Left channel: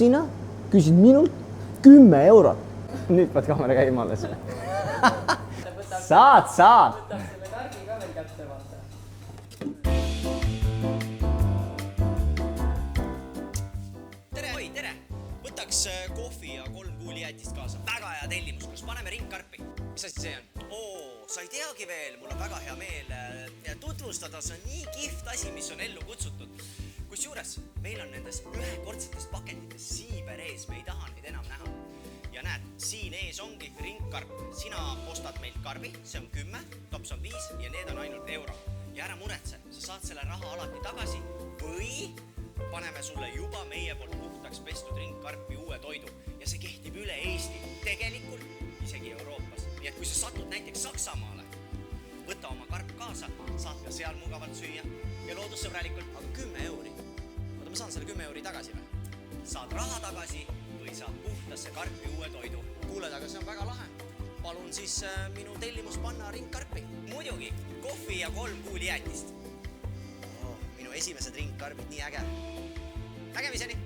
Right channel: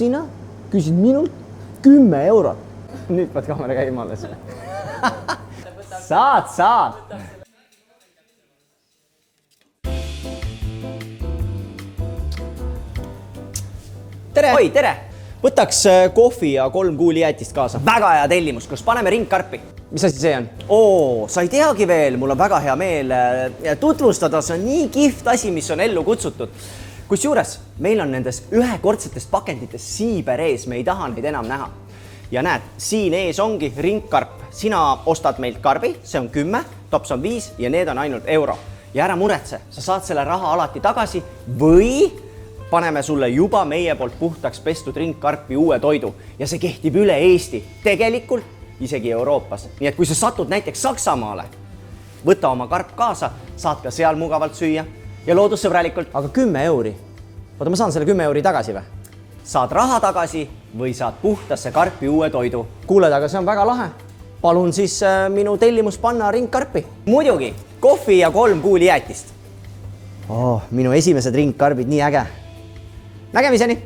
sinna, küsid minult 10 eurot. Nüüd pead kaamera käima alles. Saad. Tere! Oi, tere! Võtaks kohvi ja 3 kuulijäätist kaasa. Väga hea tellimus, kus paneme ringkarpi. Mis asi see on? Sa ei teagi veel, mul on väga hea meel tutvustada. See on nii kihvt asi, mis on ellu kutsutud. Kusjuures meil on nendes ühekordsetest pakendites siiber ees, me ei taha neid enam näha. Ja näed, siin ees ongi ringkarp. Sina ostad meilt karbi, see on 10, tops on 5 ja need on ainult euro. Ja ära muretse, sa saad selle raha alati tagasi või paneme sulle juba meie poolt puhtaks pestud ringkarpi uue toidu ja see kehtib üle Eesti, tegelikult isegi Euroopas. Nii et kui sa satud näiteks Saksamaale, võta oma karp kaasa, saad ka seal mugavalt süüa ja loodussõbralikult. Aga 10 euri? Oota, ma saan selle 10 euri tagasi või? Saad raha tagasi või saad puhtasse karpi uue toidu. Kuuled, aga see on väga lahe. Palun siis minu tellimus panna ringkarpi. Muidugi, kohvi ja 3 kuulijäätist. Minu esimesed ringkarbid, nii äge. Nägemiseni!